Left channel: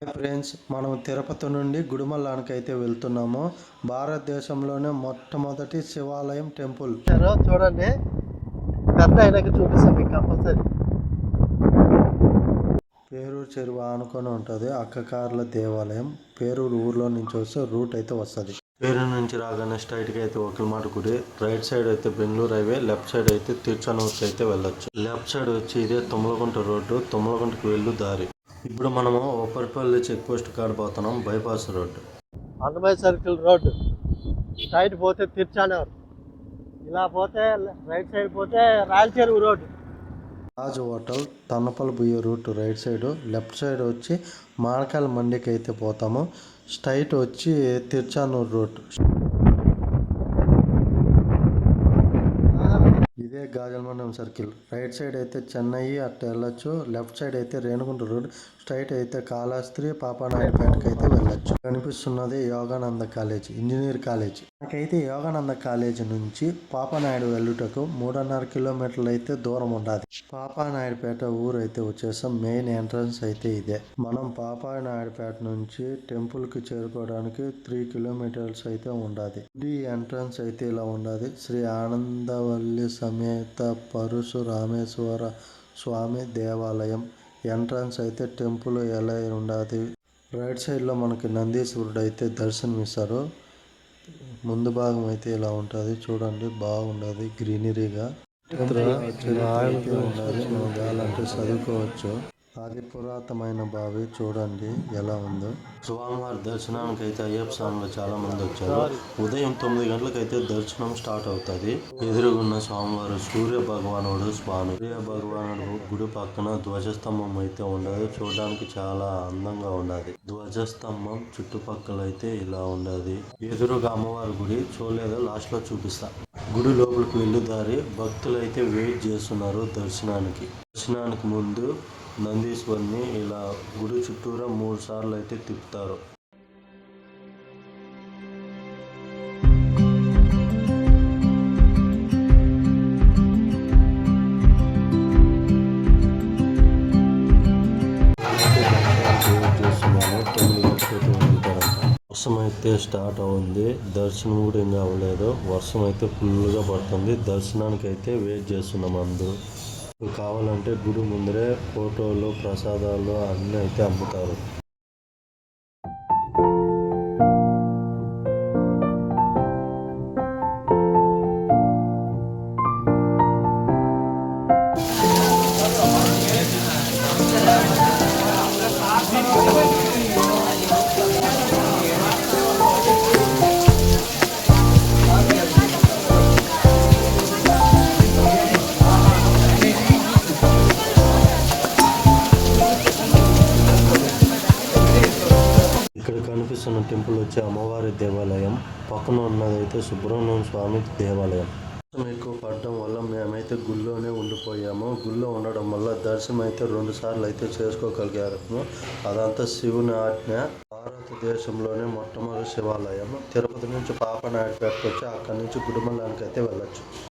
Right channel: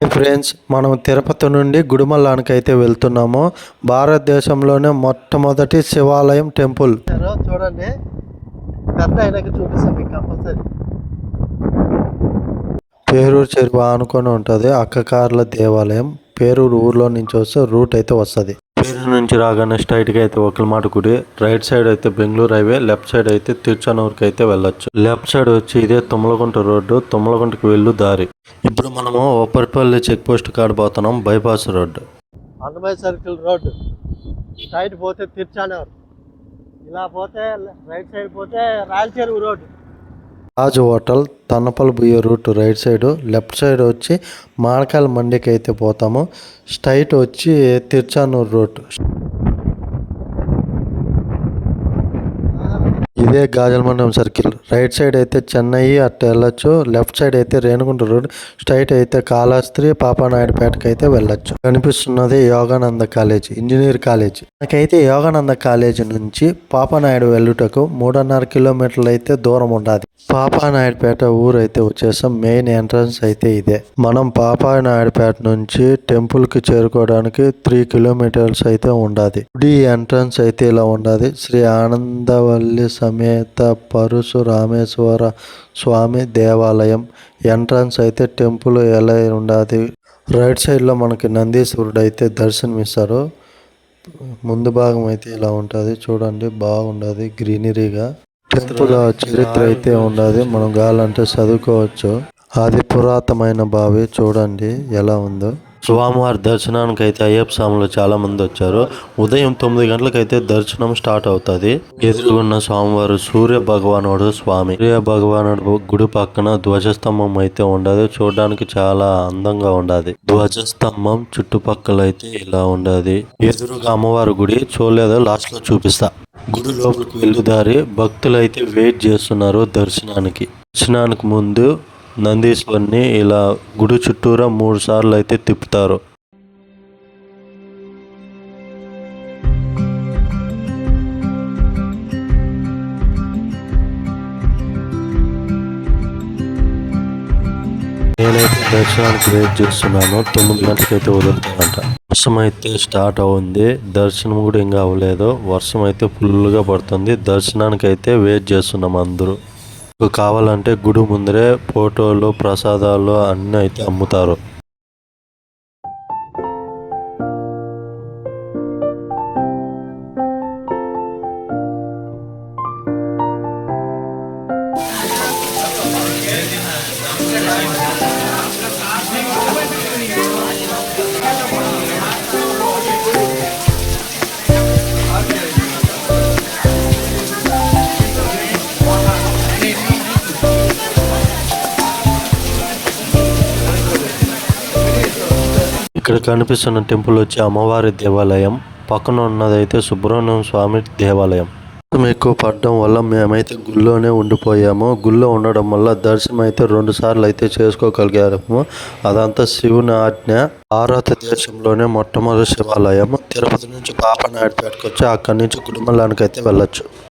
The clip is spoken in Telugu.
ఫ్రెండ్స్ మనం తిరుపతి నుండి గుడిమల్లానికి అయితే వెళ్తున్నాము. భారతదేశంలోనే మొట్టమొదటి శివాలయం టెంపుల్. చూడండి పెద్ద అయినాక చూపిస్తాం మీకు కంపల్సరీ. పేరూరు చెరువు ఆనుకొని ఉంటుంది అక్కకార్ల దేవాలయం. పేరూరు ఊర్లో నుంచి వస్తే రూట్ అయితే వస్తుంది. పేరూరు నుంచి రాగానే స్ట్రైట్గా అయితే ఒకలమాట గుడి రైట్ సైడ్ అయితే బెంగళూరు హైవే లెఫ్ట్ సైడ్ అయితే తిరుచానూరుకి అయితే వెళ్ళొచ్చు. లెఫ్ట్ సైడ్ వచ్చి ఇదే తుమ్మలగుంట రోడ్డు తుమ్మలగుంటకి వెళ్ళు దారి. ఇప్పుడు మనము ఒప్పటిపల్లి చెక్ పోస్ట్ కాడ పోతున్నాం bypass road. Annamayya circle road. Straight పోతే తిరుచానూరు. ఇలా పోతే రైట్ సైడ్ పోతే Rayalacheruvu road. Raju hotel Tannapalli బుయ్య route right side left side వచ్చి మాడకాయల మండికి అయితే పోతాము. స్ట్రైట్ వచ్చి తిరుచానూరు రూట్ ఇదే గాజలమండలం సర్కిల్. రైట్ సైడ్ అయితే చెన్నై అట్ట వెళ్ళొచ్చు. లెఫ్ట్ సైడ్ అయితే రేణుగుంట రోడ్. స్ట్రైట్ అయితే కాళాస్త్రి పాపానాయుడుపేటకి అయితే వెళ్ళొచ్చు. కనిపిస్తున్నది యోగానంద కాలేజ్ ఇంజనీర్ కాలేజ్. నాకైతే యోగానంద కాలేజ్ నుంచి పాపానాయుడు వెళ్ళుటకు మూడున్నర కిలోమీటర్లు అయితే దూరం ఉండాలి పాపానాయుడుపేట ఊరు అయితే వచ్చేసాం. మెయిన్ ఎంట్రన్స్ అయితే ఇదే. మనం పాపానాయుడుపేట నుంచి టెంపుల్కి చేరుకోవడానికి త్రీ కిలోమీటర్స్ అయితే ఉండాలి గుడి ఎంట్రన్స్ అయితే ఇలా ఉండాలి శ్రీ ఆనందవల్లి సమేత పరశురామేశ్వర స్వామి దేవాలయం ఎంట్రన్స్ అయితే టెంపుల్ ఎలా ఉండాలి రైట్ సైడ్లో మనకి నందీశ్వరుడు అయితే దర్శనమిస్తారు. ముందు భాగం అయితే ఇలా ఉంటుంది. చూడండి బాగుండదు గ్రీనరీగా. టెంపుల్ చరిత్ర అయితే ఉండదు. మనం కావాలంటే చదువుకోవచ్చు. అది పురాతనమైన బావి చూడండి ఎలా ఉందో. స్వామివారి దర్శనానికి అయితే అయ్యప్ప స్వాములు చాలా మంది వచ్చారు. ఉదయం తొమ్మిది గంటలకైతే దర్శనం స్టార్ట్ అవుతుంది. ఎదురుగున్న స్వామివారు సూర్య భగవానుడు స్వామి. సూర్య భగవానుడు గుడి పక్కన ధ్వజస్తంభం అయితే ఉండదు. చూడడానికి చాలా అందంగా ఉండదు. ధ్వజస్తంభం చుట్టుపక్కల అయితే ఇలా ఉండదు. ఎదురుగా అమ్మవారి గుడి చూడలేదో? లాస్ట్లో చూపిస్తా. గుడి లోపలికి వెళ్ళి దారి భక్తులు అయితే వెయిట్ చేస్తున్నారు దర్శనానికి. దర్శనానికి ముందు నందీశ్వరిని ఇలా గుడి చుట్టూరా మూడు సార్లు అయితే తిప్పుతారు. నేనైతే దర్శనానికి వెయిట్ చేస్తున్నాను. తొమ్మిది గంటలకైతే వదులుతారంట. వర్షం అయితే స్టార్ట్ అవుంది దర్శనం కూడా ఇంకా అవ్వలేదు. వర్షం అయితే ఫుల్గా పడుతుంది. దర్శనానికి అయితే వెయిట్ చేస్తున్నాం అందరూ. కావాలంటే గుడి ముందరే ఫోటోలు ప్రసాదాలు అన్నీ అయితే అమ్ముతారు. ఇక్కడ కనిపిస్తున్న టెంపుల్ వచ్చి అమ్మవారి దేవాలయం. పక్కన ఉన్నదైతే సుబ్రహ్మణ్యం స్వామి దేవాలయం. ఎక్కువ పడడం వల్ల మేమైతే గుళ్ళోనే ఉండిపోయాము. గుళ్ళో ఉండడం వల్ల దర్శనం అయితే రెండు సార్లు అయితే చేసుకోగలిగాము. అదంతా శివుని ఆజ్ఞ. భారతదేశంలోనే మొట్టమొదటి శివాలయం. తిరుపతి నుంచి పాపనాయుడుపేటకు వచ్చి అక్కడి నుంచి గుడిమల్లానికి అయితే వెళ్ళొచ్చు.